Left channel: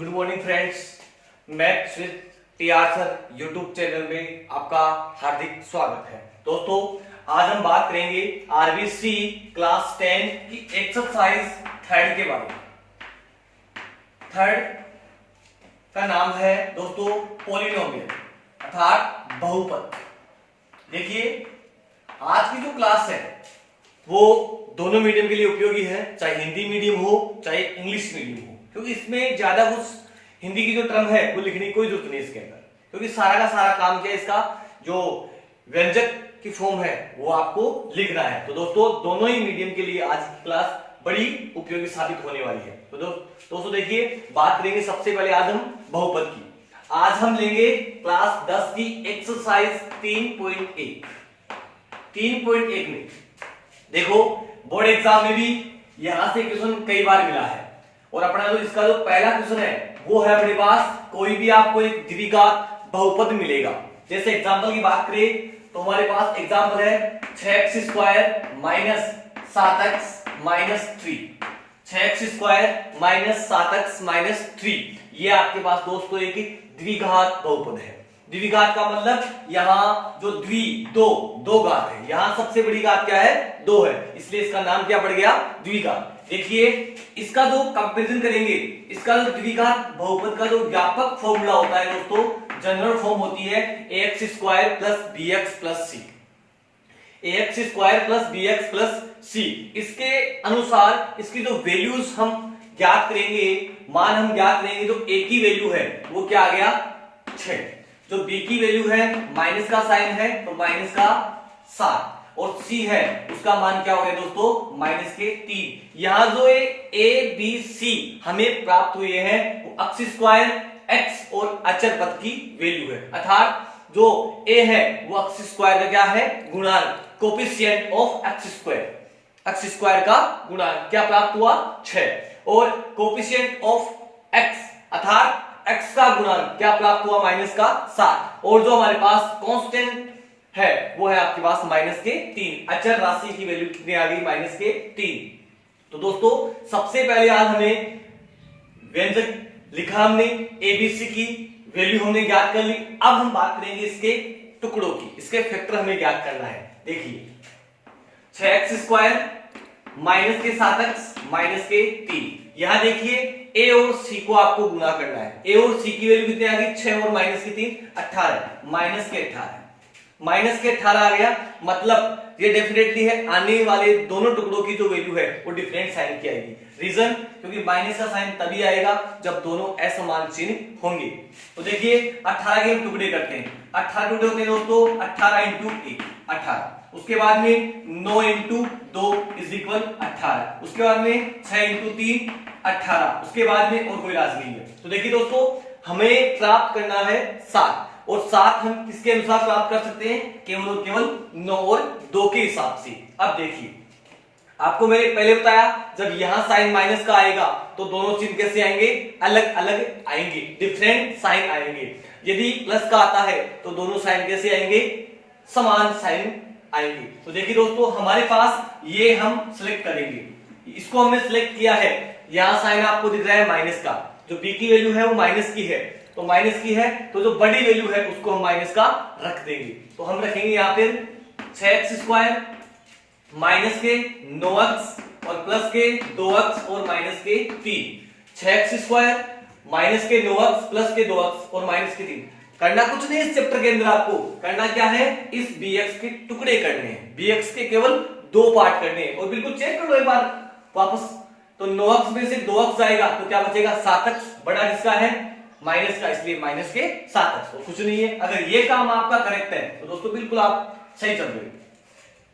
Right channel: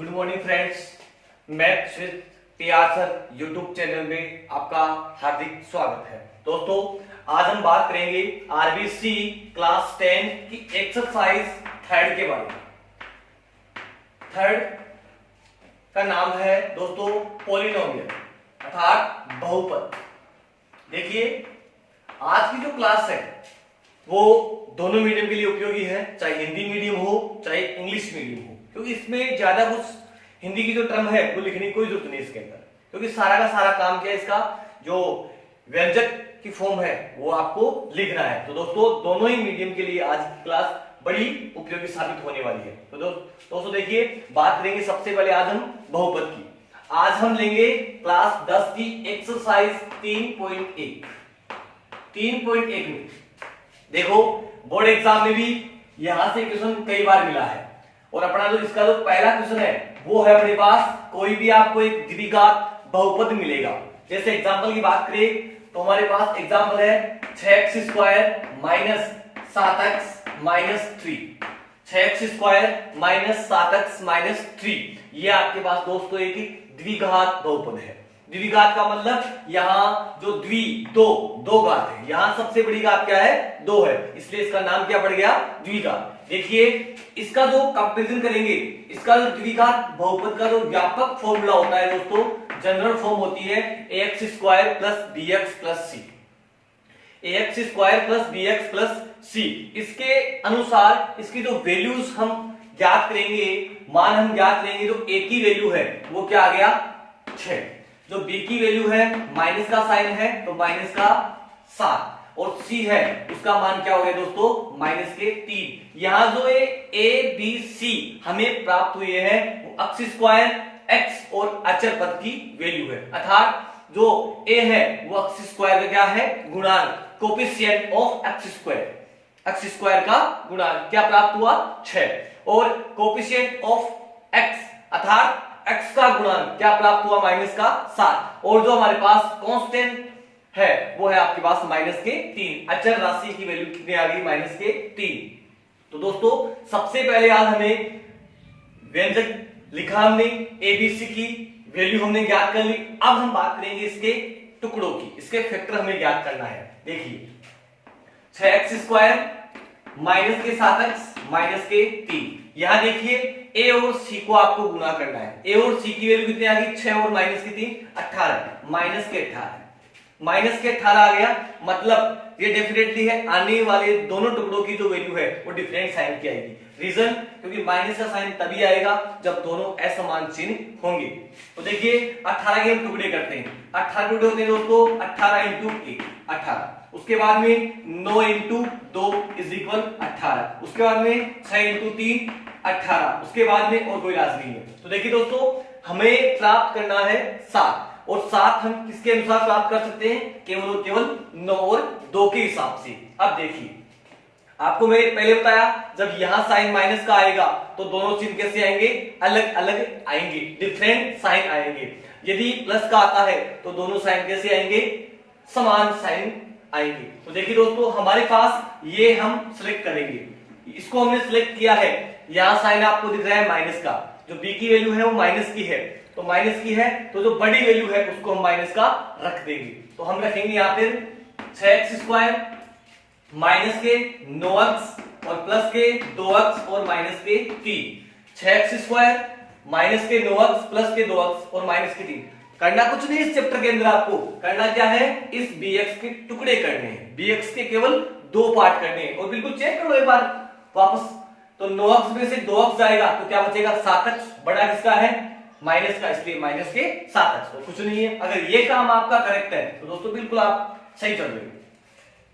Good morning friends, maths with TR sir YouTube channel में आपका हार्दिक स्वागत है। दोस्तों, आज हम बात करेंगे आरबीसी क्लास 10 की एक्सरसाइज थर्ड के बारे में। थर्ड का नाम है दोस्तों पॉलिनोमियल अर्थात बहुपद। देखिए, आज की जो क्लास है वो दोनों मीडियम के लिए उपयोगी है, चाहे हिंदी मीडियम हो चाहे इंग्लिश मीडियम हो, क्योंकि इसमें ज्यादा कुछ हिंदी की जो टर्म है वो लिखने की कोई जरूरत नहीं इसके अंदर, क्योंकि सारा का सारा काम क्या है, इसका जो व्यंजक की फॉर्म है वो आपको लिखना है। तो दोस्तों, दोनों ही मीडियम के लिए आज की क्लास बड़ी उपयोगी साबित होने वाली है। तो दोस्तों देखिए, बात करेंगे सबसे पहले आज हम बहुपद की। आज हम लेंगे क्लास 10 की एक्सरसाइज 3.1 में। देखो, बोर्ड एग्जाम में भी यहां से क्वेश्चन कई बार मिला है, और अपना जो इसका जो पहला क्वेश्चन है वो है अपने पास कोई भी आपको एक द्विघात बहुपद मिलेगा। जैसे एग्जांपल की बात करें तो हमारे पास एग्जांपल है 6x² minus 7x minus 3। 6x² minus 7x minus 3, ये आपके पास दोस्तों एक द्विघात बहुपद है। द्विघात का मतलब यहाँ जो दो घात है, यहाँ सबसे बड़ी घात क्या है, 2 है, इसलिए इसका नाम क्या पड़ गया, द्विघात। देखिए, इसका जो कंपैरिजन करेंगे, इसका जो द्विघात बहुपद का जो व्यापक फॉर्मूला होता है दोस्तों, जनरल फॉर्म होती है ax² plus bx plus c। ax² plus bx plus c, इसके अनुसार इसकी जो वैल्यूज हम ज्ञात करेंगे, मान हम ज्ञात करेंगे, जो a की वैल्यू है वो क्या आ गया 6, जो b की वैल्यू है माइनस का साइन है तो माइनस का 7, और c है उसका मान क्या हो गया दोस्तों, माइनस के 3। यहां जो a b c हमें प्राप्त हुए हैं वो अक्ष स्क्वायर x और अचर पद की वैल्यू है, अर्थात जो a है वो अक्ष स्क्वायर का क्या है, गुणांक, कोफिशिएंट ऑफ अक्ष स्क्वायर का गुणांक क्या प्राप्त हुआ 6, और कोफिशिएंट ऑफ x अर्थात x का गुणांक क्या प्राप्त हुआ, माइनस का 7, और जो हमारे पास कांस्टेंट है वो है आपके पास माइनस के 3। अचर राशि की वैल्यू कितनी आ गई, माइनस के 3। तो दोस्तों, सबसे पहले आज हमें व्यंजक लिखा, हमने एबीसी की वैल्यू हमने ज्ञात कर ली। अब हम बात करेंगे इसके टुकड़ों की, इसके फैक्टर हमें ज्ञात करना है। देखिए, 6x² माइनस के 7x माइनस के 3, यहां देखिए a और c को आपको गुणा करना है। a और c की वैल्यू कितनी आ गई, 6 और माइनस की 3 18, माइनस के 18, माइनस के 18 आ गया, मतलब ये डेफिनेटली है आने वाले दोनों टुकड़ों की जो वैल्यू है वो डिफरेंट साइन की आएगी। रीजन, क्योंकि माइनस का साइन तभी आएगा जब दोनों असमान चिन्ह होंगे। तो देखिए, 18 के हम टुकड़े करते हैं, 18 टुकड़े होते हैं दोस्तों, 18 इंटू 1 18, उसके बाद में 9 इंटू 2 इज इक्वल 18, उसके बाद में 6 इंटू 3 18, उसके बाद में और कोई राशि नहीं है। तो देखिए दोस्तों, हमें प्राप्त करना है 7, और 7 हम किसके अनुसार प्राप्त कर सकते हैं, केवल 9 और 2 के हिसाब से। अब देखिए, आपको मैंने पहले बताया जब यहां साइन माइनस का आएगा तो दोनों चिन्ह कैसे आएंगे, अलग अलग आएंगे, डिफरेंट साइन आएंगे। यदि प्लस का आता है तो दोनों साइन कैसे आएंगे, समान साइन आएंगे। तो देखिए दोस्तों, हमारे पास ये हम सिलेक्ट करेंगे, इसको हमने सिलेक्ट किया है। यहां साइन आपको दिख रहा है माइनस का, जो b की वैल्यू है वो माइनस की है, तो माइनस की है तो जो बड़ी वैल्यू है उसको हम माइनस का रख देंगे। तो हम रखेंगे यहाँ पे 6x² माइनस के 9x और प्लस के 2x और माइनस के 3। 6x² माइनस के 9x प्लस के 2x और माइनस के 3। करना कुछ नहीं इस चैप्टर के अंदर, आपको करना क्या है, इस bx के टुकड़े करने हैं, bx के केवल 2 पार्ट करने हैं, और बिल्कुल चेक कर लो एक बार वापस। तो 9x में से 2x जाएगा तो क्या बचेगा, 7x, बड़ा किसका है, माइनस का, इसलिए माइनस के 7x, तो कुछ नहीं है। अगर ये काम आपका करेक्ट है तो दोस्तों बिल्कुल आप सही चल रहे हो।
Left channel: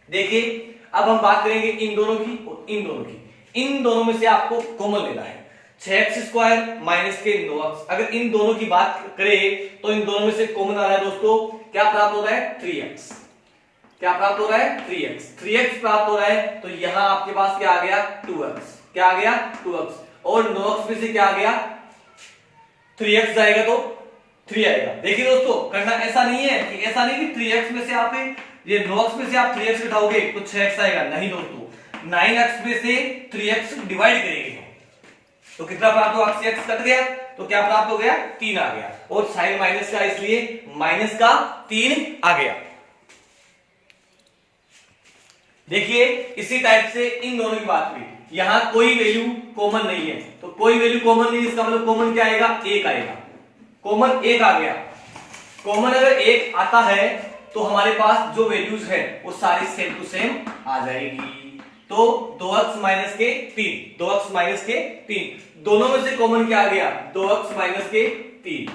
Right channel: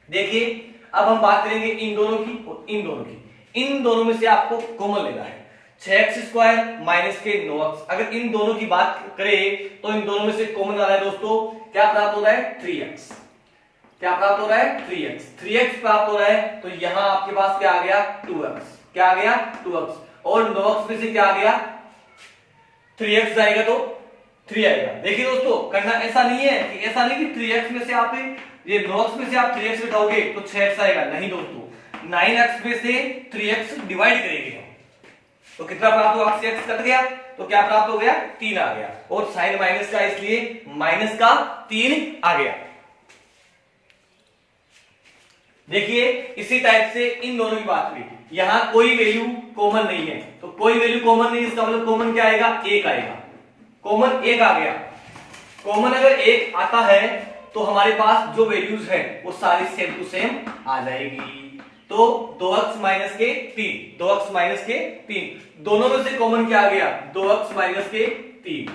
देखिए, अब हम बात करेंगे इन दोनों की और इन दोनों की। इन दोनों में से आपको कॉमन लेना है, 6x² माइनस के 9x। अगर इन दोनों की बात करें तो इन दोनों में से कॉमन आ रहा है दोस्तों, क्या प्राप्त हो रहा है, 3x। क्या प्राप्त हो रहा है, 3x प्राप्त हो रहा है। तो यहां आपके पास क्या आ गया, 2x, क्या आ गया 2x, और 9x में से क्या आ गया 3x जाएगा तो 3 आएगा। देखिए दोस्तों, करना ऐसा नहीं है कि ऐसा नहीं कि 3x में से आप ये 9x में से आप 3x उठाओगे तो 6x आएगा, नहीं दोस्तों, 9x में से 3x डिवाइड करेंगे, तो कितना प्राप्त हुआ, x कट गया तो क्या प्राप्त हो गया, 3 आ गया, और साइन माइनस का इसलिए माइनस का 3 आ गया। देखिए इसी टाइप से इन दोनों की बात हुई, यहां कोई वैल्यू कॉमन नहीं है, तो कोई वैल्यू कॉमन नहीं, इसका मतलब कॉमन क्या आएगा, 1 आएगा, कॉमन 1 आ गया। कॉमन अगर 1 आता है तो हमारे पास जो वैल्यूज है वो सारी सेम टू सेम आ जाएगी। तो 2x माइनस के 3, 2x माइनस के 3, दोनों में से कॉमन क्या आ गया, 2x माइनस के 3,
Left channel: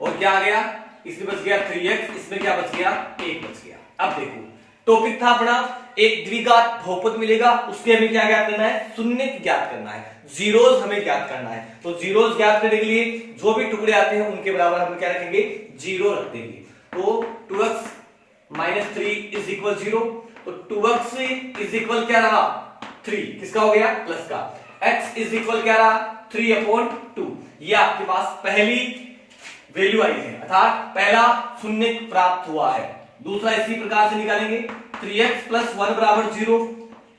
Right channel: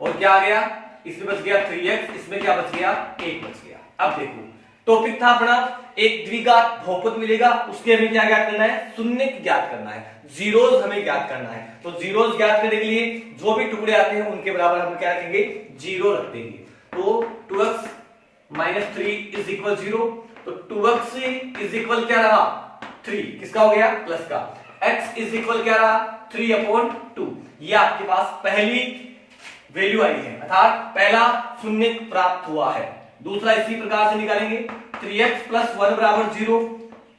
और क्या आ गया, इसमें बच गया 3x, इसमें क्या बच गया, 1 बच गया। अब देखो टॉपिक था अपना एक द्विघात बहुपद मिलेगा, उसके हमें क्या ज्ञात करना है, शून्य ज्ञात करना है, जीरोस हमें ज्ञात करना है। तो जीरोस ज्ञात करने के लिए जो भी टुकड़े आते हैं उनके बराबर हम क्या रखेंगे, जीरो रख देंगे। तो 2x माइनस 3 इज इक्वल 0, तो 2x इज इक्वल क्या रहा, 3, किसका हो गया, प्लस का। x इज इक्वल क्या रहा, 3/2, ये आपके पास पहली वैल्यू आई है, अर्थात पहला शून्य प्राप्त हुआ है। दूसरा इसी प्रकार से निकालेंगे, 3x प्लस 1 बराबर 0,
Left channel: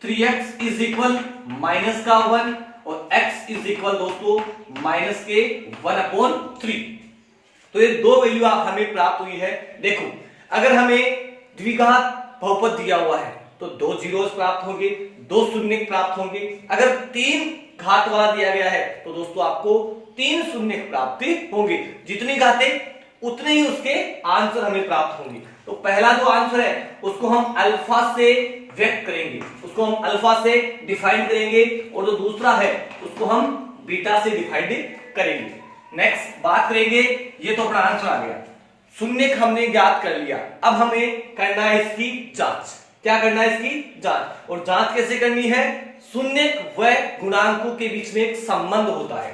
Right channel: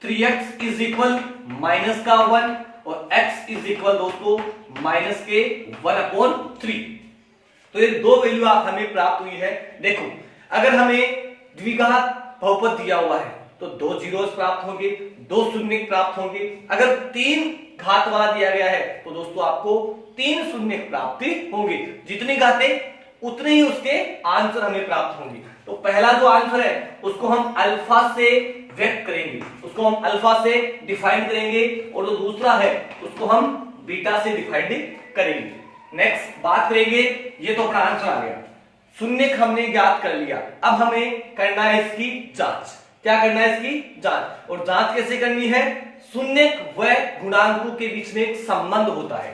3x इज इक्वल माइनस का 1, और x इज इक्वल दोस्तों माइनस के 1/3। तो ये दो वैल्यू हमें प्राप्त हुई है। देखो अगर हमें द्विघात बहुपद दिया हुआ है तो 2 जीरोस प्राप्त होंगे, 2 शून्य प्राप्त होंगे। अगर 3 घात वाला दिया गया है तो दोस्तों आपको 3 शून्य प्राप्ति होंगे, जितनी घातें उतने ही उसके आंसर हमें प्राप्त होंगे। तो पहला जो आंसर है उसको हम अल्फा से व्यक्त करेंगे, उसको हम अल्फा से डिफाइन करेंगे, और जो दूसरा है उसको हम बीटा से डिफाइन करेंगे। नेक्स्ट बात करेंगे, ये तो अपना आंसर आ गया, शून्य हमने ज्ञात कर लिया, अब हमें करना है इसकी जांच। क्या करना है, इसकी जांच। और जांच कैसे करनी है, शून्य व गुणांकों के बीच में एक संबंध होता है,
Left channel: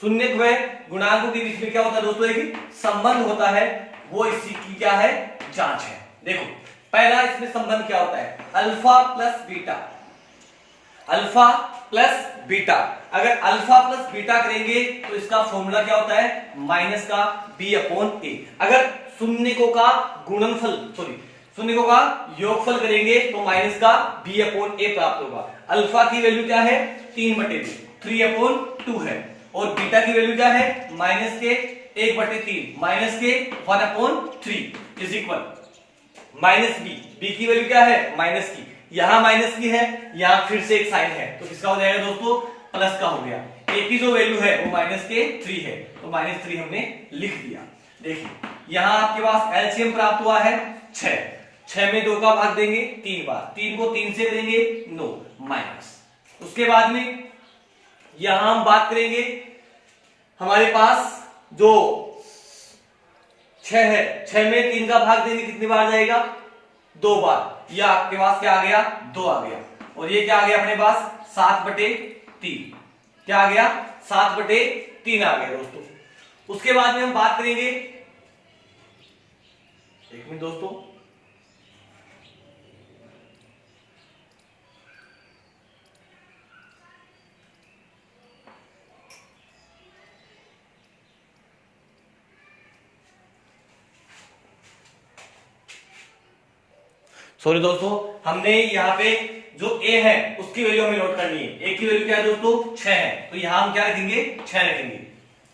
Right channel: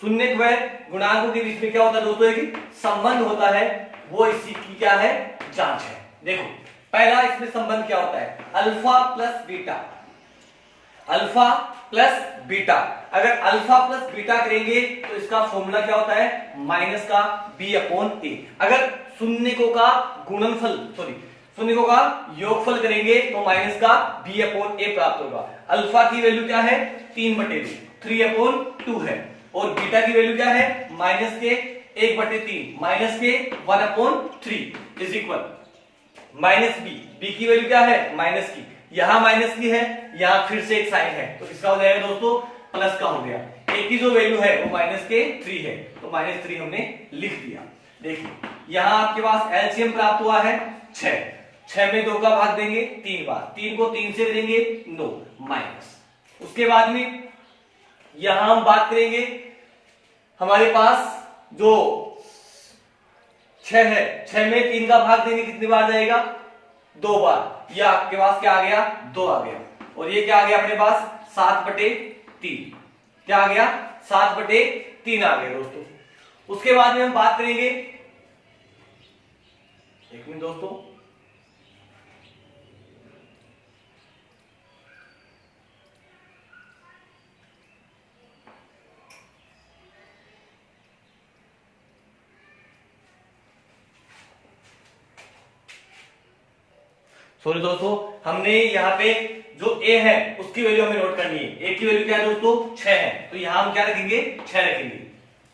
शून्य व गुणांकों के बीच में क्या होता है दोस्तों, एक संबंध होता है, वो इसी की क्या है, जांच है। देखो पहला इसमें संबंध क्या होता है, alpha plus beta, alpha plus beta. अगर अल्फा प्लस बीटा करेंगे तो इसका फॉर्मूला क्या होता है, माइनस का b/a। अगर शून्यकों का गुणनफल शून्यकों का योगफल करेंगे तो माइनस का b/a प्राप्त होगा। अल्फा की वैल्यू क्या है, 3/2, 3/2 है, और बीटा की वैल्यू क्या है, माइनस के 1/3, माइनस के 1/3 इज इक्वल माइनस बी की वैल्यू क्या है, माइनस की, यहां माइनस की है, यहां फिर से एक साइन है, तो किसका हो जाएगा दोस्तों, प्लस का हो गया। ए की जो वैल्यू है वो माइनस के 3 है, तो -3 हमने लिख दिया। देखिए यहां आपके पास एलसीएम प्राप्त हुआ है 6, 6 में 2 का भाग देंगे 3 बार, 3 को 3 से देंगे 9 माइनस। उसके बाद में यहां हम बात करेंगे, हमारे पास जो 6 है, 6 में 3 का भाग देंगे कितनी बार जाएगा, 2 बार। यह आपके पास क्या आ गया, 2 आ गया, और ये क्या आ गया अपने पास 7/3, क्या आ गया 7/3 आ गया दोस्तों। उसके बाद में हम बात करेंगे, एक मिनट दोस्तों, सॉरी दोस्तों, हमने यहाँ पे जो a है उसकी वैल्यू हमें नोट करनी है। a की वैल्यू क्या है दोस्तों, 6 है, तो यहां हम क्या रखेंगे, 6 रखेंगे।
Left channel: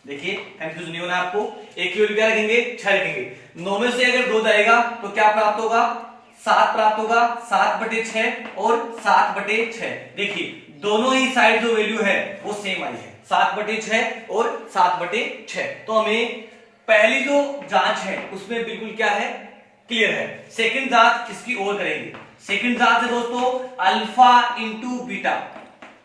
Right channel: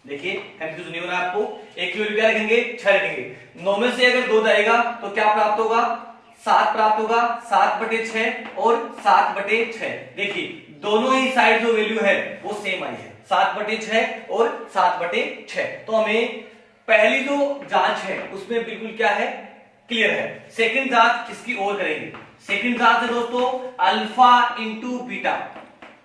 देखिए कंफ्यूज नहीं होना आपको, a की वैल्यू क्या रखेंगे, 6 रखेंगे। 9 में से अगर 2 जाएगा तो क्या प्राप्त होगा, 7 प्राप्त होगा, 7/6 और 7/6। देखिए दोनों ही साइड जो वैल्यू है वो सेम आई है, 7/6 और 7/6। तो हमें पहली जो जांच है उसमें बिल्कुल क्या है, क्लियर है। सेकंड जांच किसकी ओर करेंगे, सेकंड जांच है दोस्तों alpha into beta,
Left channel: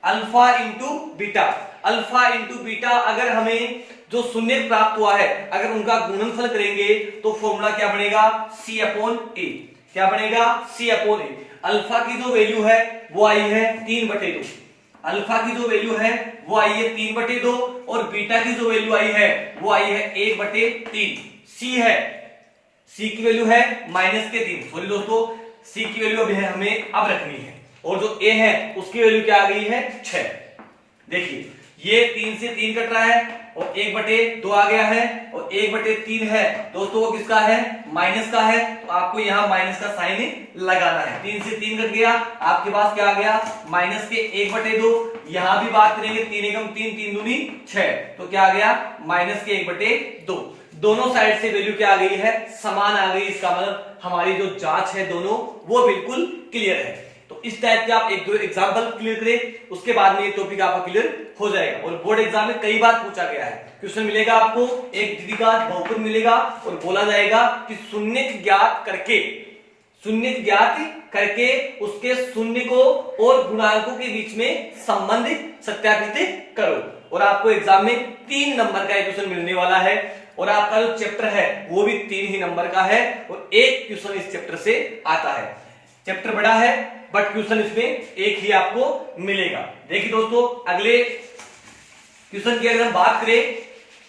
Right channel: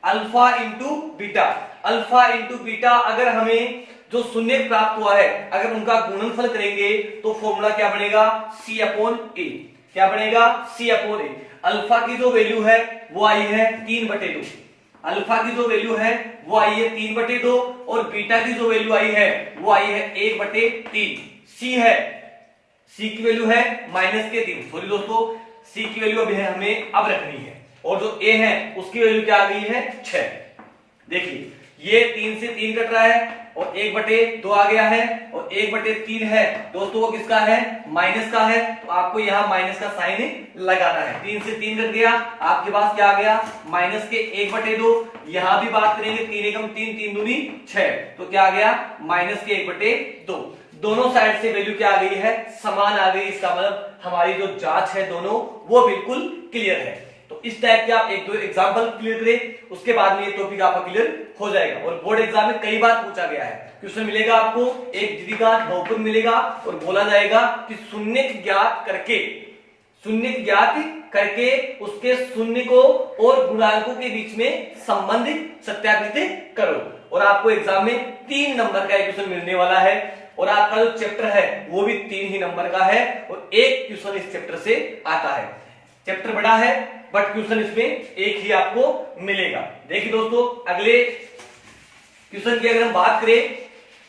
alpha into beta, alpha into beta. अगर हमें जो शून्य प्राप्त हुआ है अगर उनका गुणनफल करेंगे तो फॉर्मूला क्या बनेगा, c/a, क्या बनेगा, c/a। अल्फा की जो वैल्यू है वो आई है 3/2, अल्फा की जो वैल्यू है वो आई है 3/2, और बीटा की जो वैल्यू आई है वो आई है 1/3। सी है, सी की वैल्यू है -3, सॉरी दोस्तों, सी की वैल्यू अभी हमें अब रखनी है, और जो ए है उसकी वैल्यू क्या आ गई है 6। देखिए ये 3 से 3 कट रहा है, और 1/2 आ गया है और 1/3 है दोस्तों, वो किसका है, माइनस का है, तो आपको यहाँ माइनस का साइन लगाना है। 3 से 3 कट गया, आपके पास क्या आ गया, माइनस के 1/2। यहां भी बात करेंगे, 3 एकम 3, 3 दूनी 6, तो क्या आ गया, माइनस के 1/2। दोनों साइड से वैल्यू क्या आ गई है, समान आ गई। इसका मतलब हमारी जो जांच है दोनों वो बिल्कुल क्लियर है। तो इस टाइप के आप एक दो एग्जांपल क्लियर करें, उसके बाद में ये टॉपिक आपका क्लियर हो जाएगा। और बोर्ड एग्जाम में कई बार पूछा गया है, क्वेश्चन मिलेगा आपको, एक द्विघात बहुपद मिलेगा और बोला जाएगा कि शून्य ज्ञात करके उसके शून्य को और गुणांकों के बीच में संबंध सत्यापित करो। और आपको एग्जाम में 3 नंबर का क्वेश्चन मिलने वाला है और आपका जो चैप्टर है वो भी 3 ही नंबर का है और एक क्वेश्चन इस चैप्टर से आता है। चैप्टर बड़ा है बट क्वेश्चन इसमें एक ही आपको मिलेगा। देखिए दोस्तों, अगले क्वेश्चन की अगर हम बात करें,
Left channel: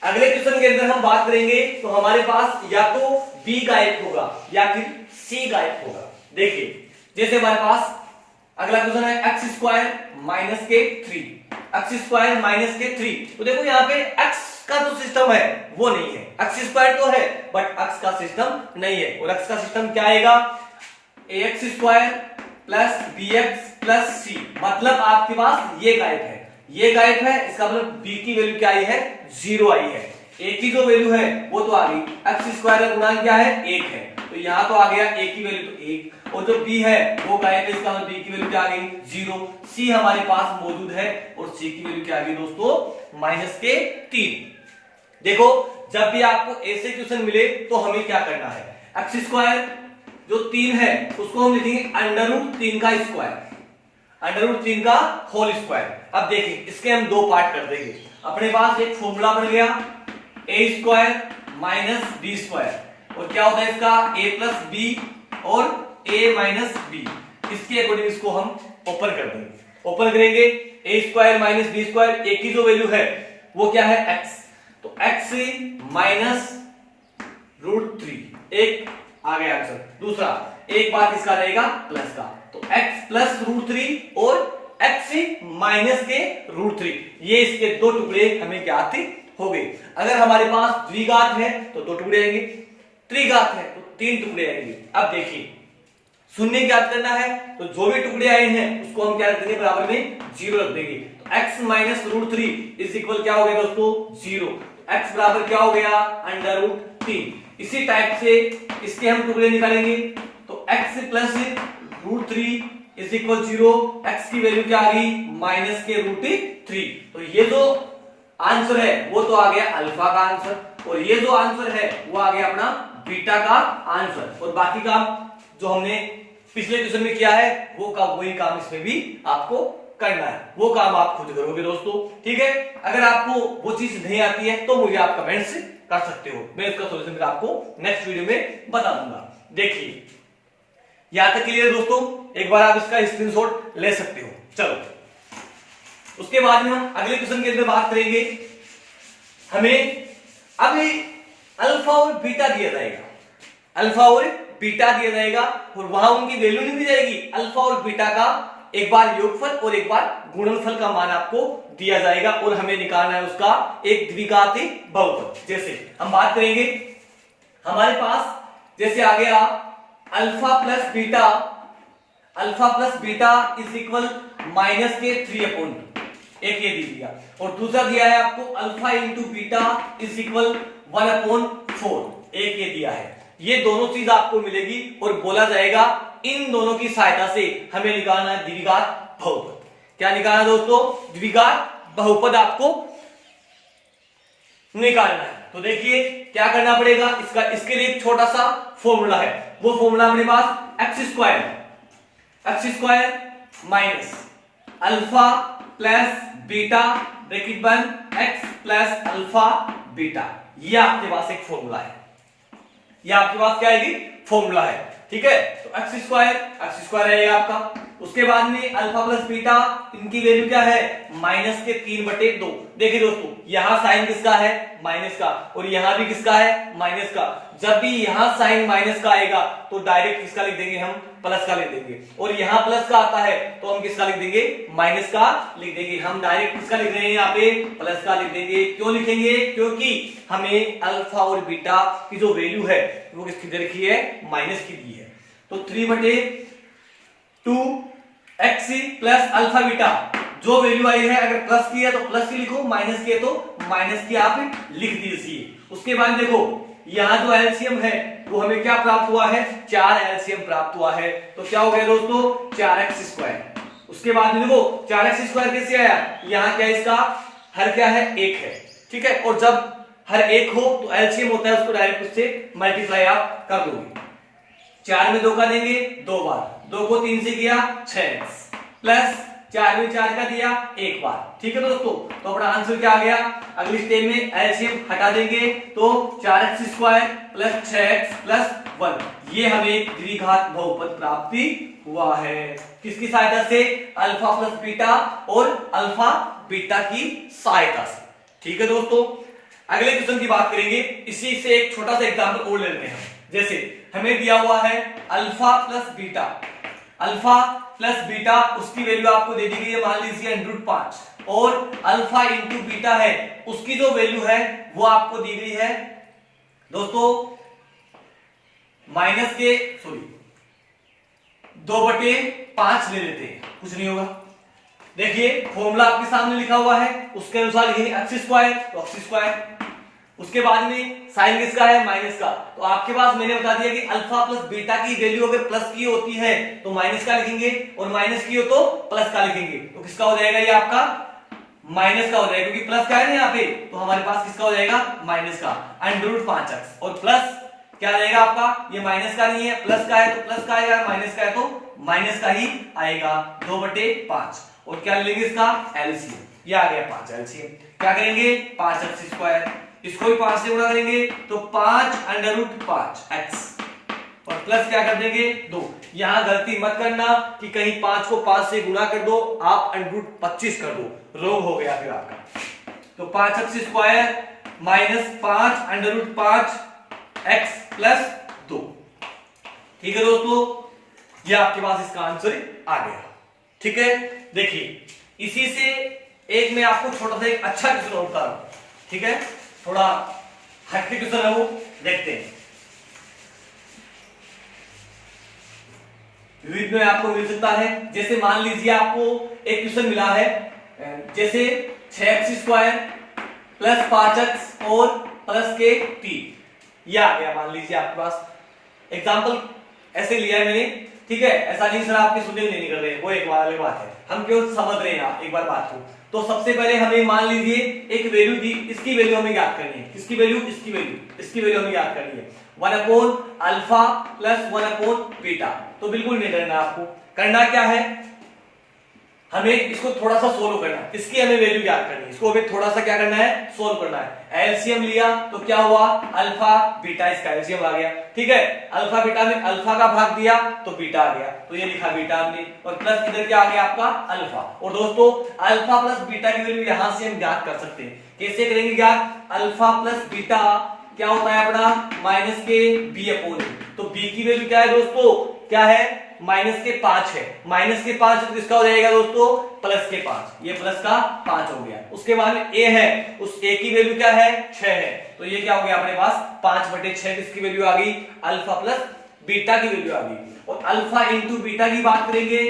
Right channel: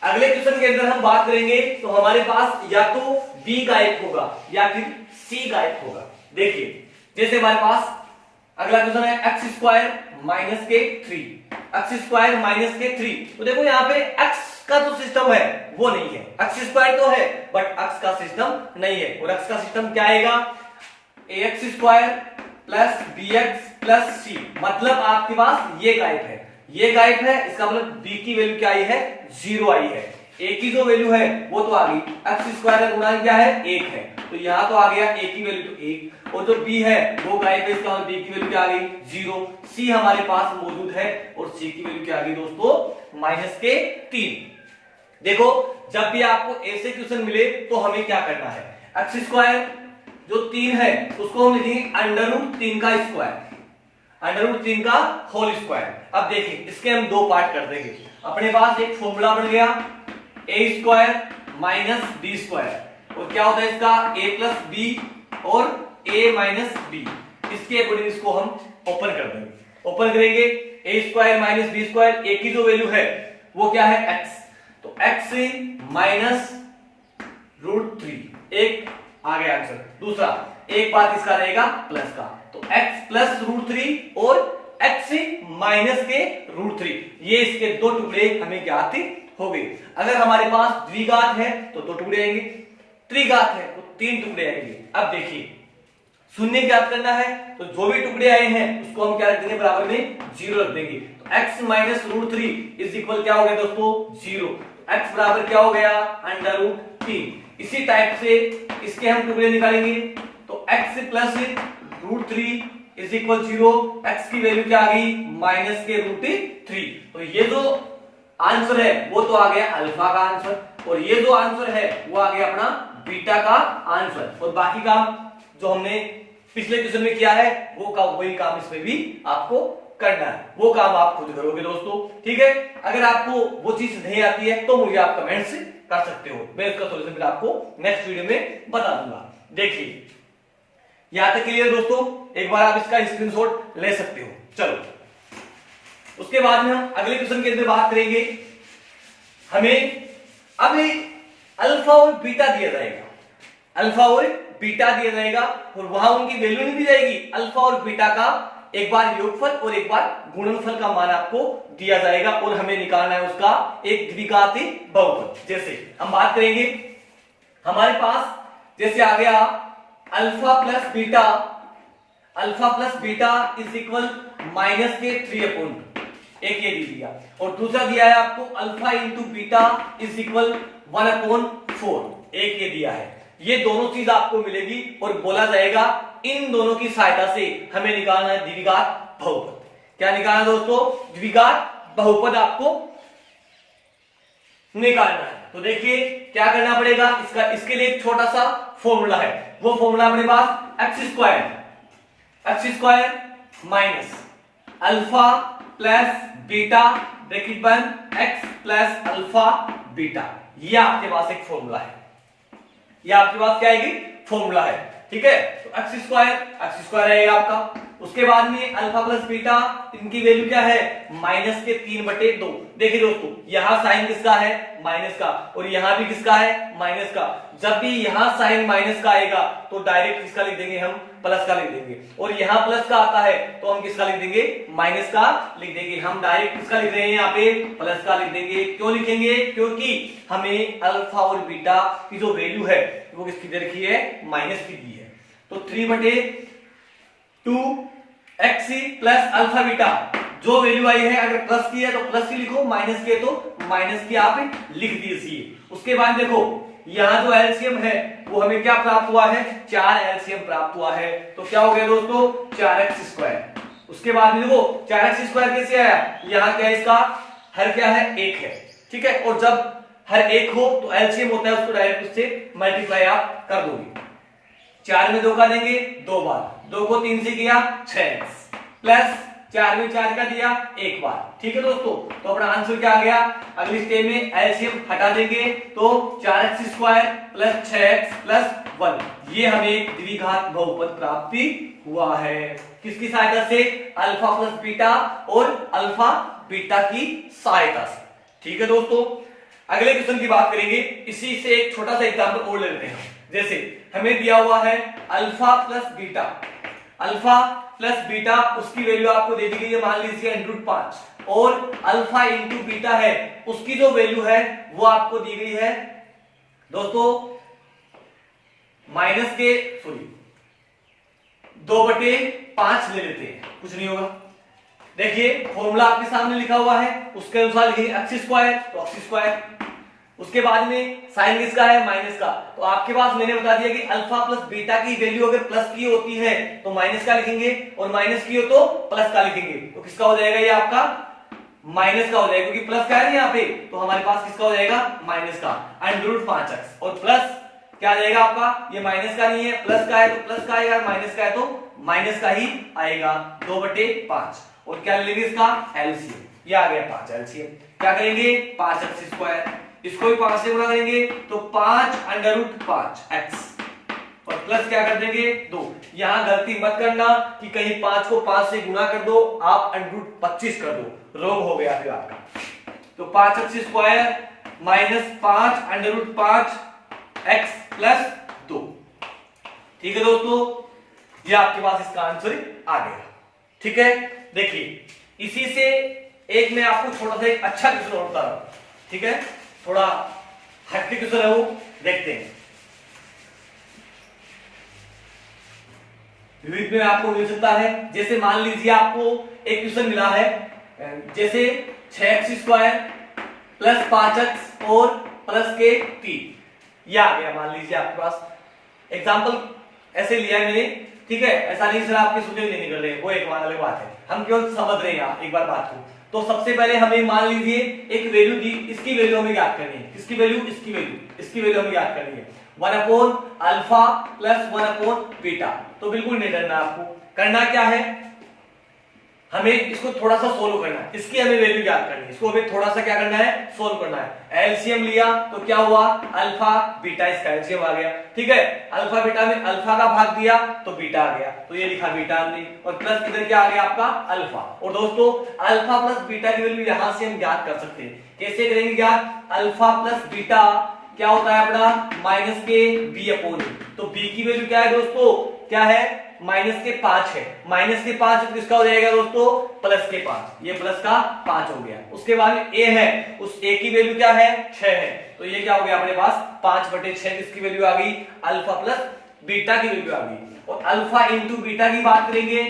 अगले क्वेश्चन के अंदर हम बात करेंगे तो हमारे पास या तो बी गायब होगा या फिर सी गायब होगा। देखिए जैसे हमारे पास अगला क्वेश्चन है x² - 3, x² - 3। तो देखो यहाँ पे x का जो सिस्टम है वो नहीं है, x² तो है बट x का सिस्टम नहीं है। और x का सिस्टम क्या आएगा, ax² + bx + c, मतलब आपके पास ये गायब है, ये गायब है, इसका मतलब b की वैल्यू क्या आई है, 0 आई है। a की जो वैल्यू है वो तो आ गई, x² का गुणांक क्या है, 1 है, तो यहां तो आ गया a की वैल्यू तो 1, और जो b है वो गायब है, इसका मतलब b की वैल्यू क्या आ गई, 0। c हमारे पास मौजूद है और c की वैल्यू क्या आ गई दोस्तों, -3। देखो जब भी आपको ऐसे क्वेश्चन मिले तो हमें क्या करना है, x² जो 3 है उसको हम लिखेंगे √3 का स्क्वायर, √3 का होल स्क्वायर। अब देखिए इसके हम 2 पार्ट कर देंगे। अपने पास एक फॉर्मूला बन गया a² - b², और क्या होता है इसका a + b और a - b। इसके अकॉर्डिंग इसको हम ओपन कर देंगे। ओपन करेंगे a² - b², a की जो वैल्यू है वो क्या है, x, तो x - √3, एक आ गया आंसर। दूसरा एक बात इसका रहेगा प्लस का, तो x + √3 और x के √3, ये इसके 2 टुकड़े हमें ज्ञात हो गए। अगर हमारे पास द्विघात है तो 2 टुकड़े आएंगे, त्रिघात है तो 3 टुकड़े आएंगे। अब देखिए शून्य ज्ञात करना है तो जो भी टुकड़े आए हैं उसको हम क्या रख देंगे, बराबर में 0 रख देंगे। तो x - √3 = क्या हो गया दोस्तों, 0। x बराबर क्या हो गया, √3। इसी टाइप से इसके हम टुकड़े निकालेंगे, तो x + √3 = 0, x की वैल्यू क्या आ गई, -√3। तो ये जो आंसर है वो तो आ गया अल्फा का आंसर, और ये जो आंसर है वो आ गया अपना बीटा का आंसर। और बाकी काम जो हमने पिछले क्वेश्चन में किया है वही काम इसमें भी आपको करना है, वो काम आप खुद करोगे दोस्तों, ठीक है। अगर आपको वो चीज नहीं आती है तो मुझे आप कमेंट से कर सकते हो, मैं इसका सॉल्यूशन फिर आपको नेक्स्ट वीडियो में बता दूंगा। देखिए यहां तक क्लियर दोस्तों, एक बार आप इसका स्क्रीनशॉट ले सकते हो। चलो उसके बाद में हम अगले क्वेश्चन के अंदर बात करेंगे। हमें अभी अल्फा और बीटा दिया जाएगा, अल्फा और बीटा दिया जाएगा और वहां उनकी वैल्यू नहीं दी जाएगी। अल्फा और बीटा का एक बार योगफल और एक बार गुणनफल का मान आपको दिया जाएगा और हमें निकालना है उसका एक द्विघाती बहुपद। जैसे हम बात करेंगे, हमारे पास जैसे आ गया अल्फा + बीटा = -3/2, एक ये दे दिया, और दूसरा दिया है आपको अल्फा × बीटा = 1/4, एक ये दिया है। ये दोनों चीज आपको मिलेगी और बोला जाएगा इन दोनों की सहायता से हमें निकालना है द्विघात बहुपद। क्या निकालना है दोस्तों, द्विघात बहुपद आपको निकालना है। तो देखिए क्या करना पड़ेगा, इसके लिए एक छोटा सा फॉर्मूला है, वो फॉर्मूला अपने पास x² - अल्फा + बीटा ब्रैकेट बंद x + अल्फा बीटा, ये आपके पास एक फॉर्मूला है, ये आपके पास क्या आएगी, फॉर्मूला है, ठीक है। तो x² रहेगा आपका। उसके बाद में अल्फा + बीटा, इनकी वैल्यू क्या है, -3/2। देखिए दोस्तों यहां साइन किसका है, माइनस का, और यहां भी किसका है, माइनस का। जब भी यहां साइन माइनस का आएगा तो डायरेक्ट किसका लिख देंगे, हम प्लस का लिख देंगे, और यहां प्लस का आता है तो हम किसका लिख देंगे, माइनस का लिख देंगे। हम डायरेक्ट किसका लिख रहे हैं, यहाँ पे प्लस का लिख देंगे। क्यों लिखेंगे, क्योंकि हमें अल्फा और बीटा की जो वैल्यू है वो किसकी दे रखी है, माइनस की दी है। तो 3/2 एक्स प्लस अल्फा बीटा जो वैल्यू आई है, अगर प्लस की है तो प्लस की लिखो, माइनस की है तो माइनस की आप लिख दीजिए। उसके बाद देखो यहां जो एलसीएम है वो हमें क्या प्राप्त हुआ है, 4 एलसीएम प्राप्त हुआ है। तो क्या हो गया दोस्तों, 4x²। उसके बाद देखो 4x² कैसे आया, यहाँ क्या इसका हर क्या है, 1 है, ठीक है। और जब हर 1 हो तो एलसीएम होता है, उसको डायरेक्ट उससे मल्टीप्लाई आप कर दोगे। 4 में 2 का देंगे 2 बार, 2 को 3 से किया 6x, प्लस 4 में 4 का दिया 1 बार, ठीक है दोस्तों। तो अपना आंसर क्या आ गया, अगली स्टेप में एलसीएम हटा देंगे तो 4x² प्लस 6x प्लस 1, ये हमें द्विघात बहुपद प्राप्ति हुआ है। किसकी सहायता से, अल्फा प्लस बीटा और अल्फा बीटा की सहायता से, ठीक है दोस्तों। अगले क्वेश्चन की बात करेंगे, इसी से एक छोटा सा एग्जाम्पल और ले लेते हैं। जैसे हमें दिया हुआ है alpha plus beta, alpha plus beta उसकी वैल्यू आपको दे दी गई है, मान लीजिए √5, और अल्फा इंटू बीटा है उसकी जो वैल्यू है वो आपको दी गई है दोस्तों -2/5 ले लेते हैं, कुछ नहीं होगा। देखिए फॉर्मूला आपके सामने लिखा हुआ है, उसके अनुसार लिखेंगे x² तो x², उसके बाद में साइन किसका है, माइनस का। तो आपके पास मैंने बता दिया कि अल्फा प्लस बीटा की वैल्यू अगर प्लस की होती है तो माइनस का लिखेंगे, और माइनस की हो तो प्लस का लिखेंगे। तो किसका हो जाएगा, ये आपका माइनस का हो जाएगा, क्योंकि प्लस का है ना यहाँ पे, तो हमारे पास किसका हो जाएगा, माइनस का √5x, और प्लस क्या आ जाएगा आपका, ये माइनस का नहीं है, प्लस का है तो प्लस का आएगा, माइनस का है तो माइनस का ही आएगा, 2/5। और क्या लेंगे इसका एलसीएम, ये आ गया 5 एलसीएम। क्या करेंगे, 5x², इसको भी 5 से गुणा करेंगे तो 5√5x, और प्लस क्या कर देंगे 2। यहां गलती मत करना कि कहीं 5 को 5 से गुणा कर दो, आप √25 कर दो, रॉन्ग हो गया फिर आपका। तो 5x² माइनस 5√5x प्लस 2, ठीक है दोस्तों, ये आपके पास इसका आंसर आ गया, ठीक है। देखिए इसी से एक मैं आपको छोटा सा एक अच्छा क्वेश्चन होता हूं, ठीक है, थोड़ा हटके क्वेश्चन है वो, देखते हैं। विविध में आपको मिल सकता है, जैसे मान लीजिए आपको एक क्वेश्चन मिला है, जैसे 6x² प्लस 5x और प्लस के 3, ये आ गया मान लीजिए आपके पास। एग्जाम्पल ऐसे लिया है मैंने, ठीक है, ऐसा नहीं सर आपके स्टूडेंट नहीं कर रहे, वो एक अलग बात है, हम केवल समझ रहे हैं एक बार बात को। तो सबसे पहले हमें मान लीजिए एक वैल्यू दी, इसकी वैल्यू हमें ज्ञात करनी है, किसकी वैल्यू, इसकी वैल्यू, इसकी वैल्यू हमें ज्ञात करनी है, 1/अल्फा प्लस 1/बीटा। तो बिल्कुल नहीं डरना, आपको करना क्या है, हमें इसको थोड़ा सा सोल्व करना है, इसकी हमें वैल्यू ज्ञात करनी है, इसको हमें थोड़ा सा क्या करना है, सोल्व करना है। एलसीएम लिया तो क्या हुआ, अल्फा बीटा, इसका एलसीएम आ गया, ठीक है। अल्फा बीटा में अल्फा का भाग दिया तो बीटा आ गया, तो ये लिखा बीटा आपने, और प्लस इधर क्या आ गया आपका अल्फा। और दोस्तों अल्फा प्लस बीटा की वैल्यू यहां से हम ज्ञात कर सकते हैं, कैसे करेंगे ज्ञात, अल्फा प्लस बीटा क्या होता है अपना -b/a। तो b की वैल्यू क्या है दोस्तों, क्या है, -5 है, -5 तो किसका हो जाएगा दोस्तों, +5, ये प्लस का 5 हो गया। उसके बाद में a है, उस a की वैल्यू क्या है, 6 है, तो ये क्या हो गया अपने पास 5/6, किसकी वैल्यू आ गई, अल्फा प्लस बीटा की वैल्यू आ गई। और अल्फा इंटू बीटा की बात करेंगे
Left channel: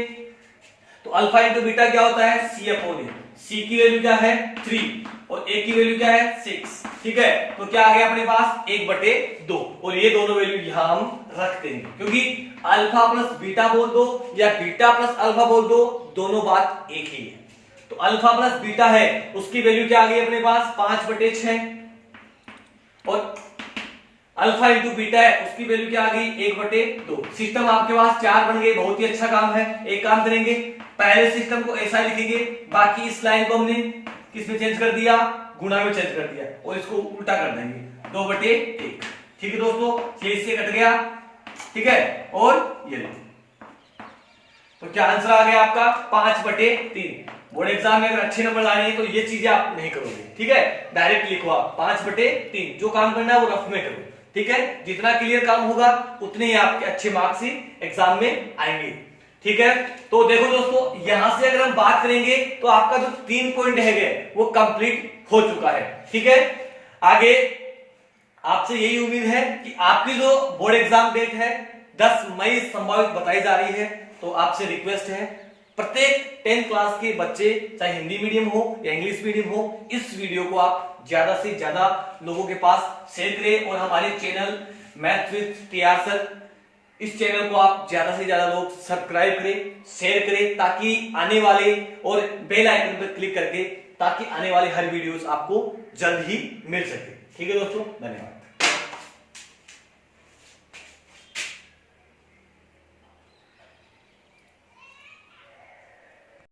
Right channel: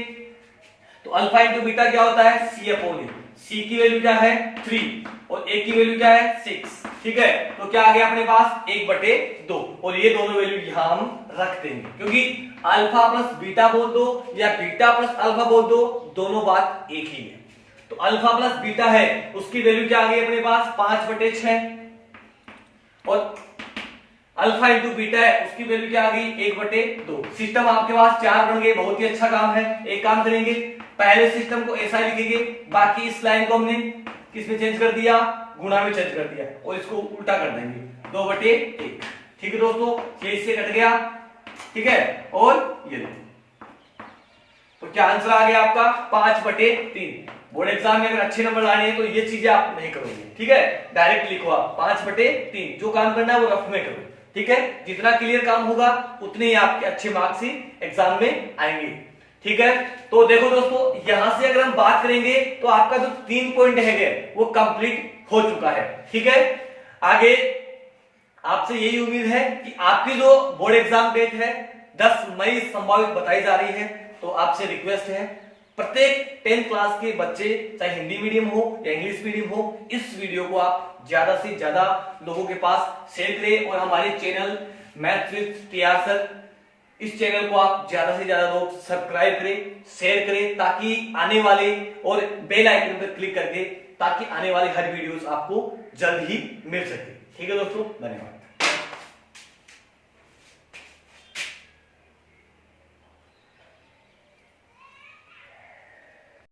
तो अल्फा इंटू बीटा क्या होता है, c/a, c की वैल्यू क्या है 3 और a की वैल्यू क्या है 6, ठीक है। तो क्या आ गया अपने पास 1/2, और ये दोनों वैल्यू यहां हम रख देंगे, क्योंकि अल्फा प्लस बीटा बोल दो या बीटा प्लस अल्फा बोल दो, दोनों बात एक ही है। तो अल्फा प्लस बीटा है उसकी वैल्यू क्या आ गई अपने पास 5/6, और अल्फा इंटू बीटा है उसकी वैल्यू क्या आ गई 1/2। सिस्टम आपके पास 4 बन गए, बहुत ही अच्छा काम है। एक काम करेंगे, पहले सिस्टम को ऐसा लिखेंगे, बाकी इस लाइन को हमने किसमें चेंज कर दिया, गुणा में चेंज कर दिया, और इसको उल्टा कर देंगे 2/1, ठीक है दोस्तों, इससे कट गया, ठीक है। और ये लो, तो क्या आंसर आ गया आपका 5/3। बोर्ड एग्जाम में अगर अच्छे नंबर लाने हैं तो ये चीजें आप नहीं करोगे, ठीक है, डायरेक्ट लिखो आप 5/3, जो काम करना है वो रफ में करो, ठीक है, जितना क्लियर काम होगा उतने ही आपके अच्छे मार्क्स ही एग्जाम में आएंगे। ठीक है, तो देखो दोस्तों, यहां से अगर हम बात करेंगे तो आपका जो 3 पॉइंट है वो कंप्लीट हो चुका है। ठीक है, आगे आपसे यही उम्मीद है कि आपकी जो बोर्ड एग्जाम डेट है 10 मई संभावित बताई जा रही है, तो आपसे रिक्वेस्ट है प्रत्येक 10th क्लास के बच्चे, चाहे हिंदी मीडियम हो या इंग्लिश मीडियम हो, इस वीडियो को आप ज्यादा से ज्यादा लोगों के पास शेयर करें और हमारे channel maths with TR sir, इस चैनल को आप ज्यादा से ज्यादा लोग सब्सक्राइब करें, शेयर करें, ताकि आने वाले और बेल आइकन पर क्लिक करके ताकि आने वाले हर वीडियोस आपको जल्द ही मिल सके। ठीक है दोस्तों, धन्यवाद।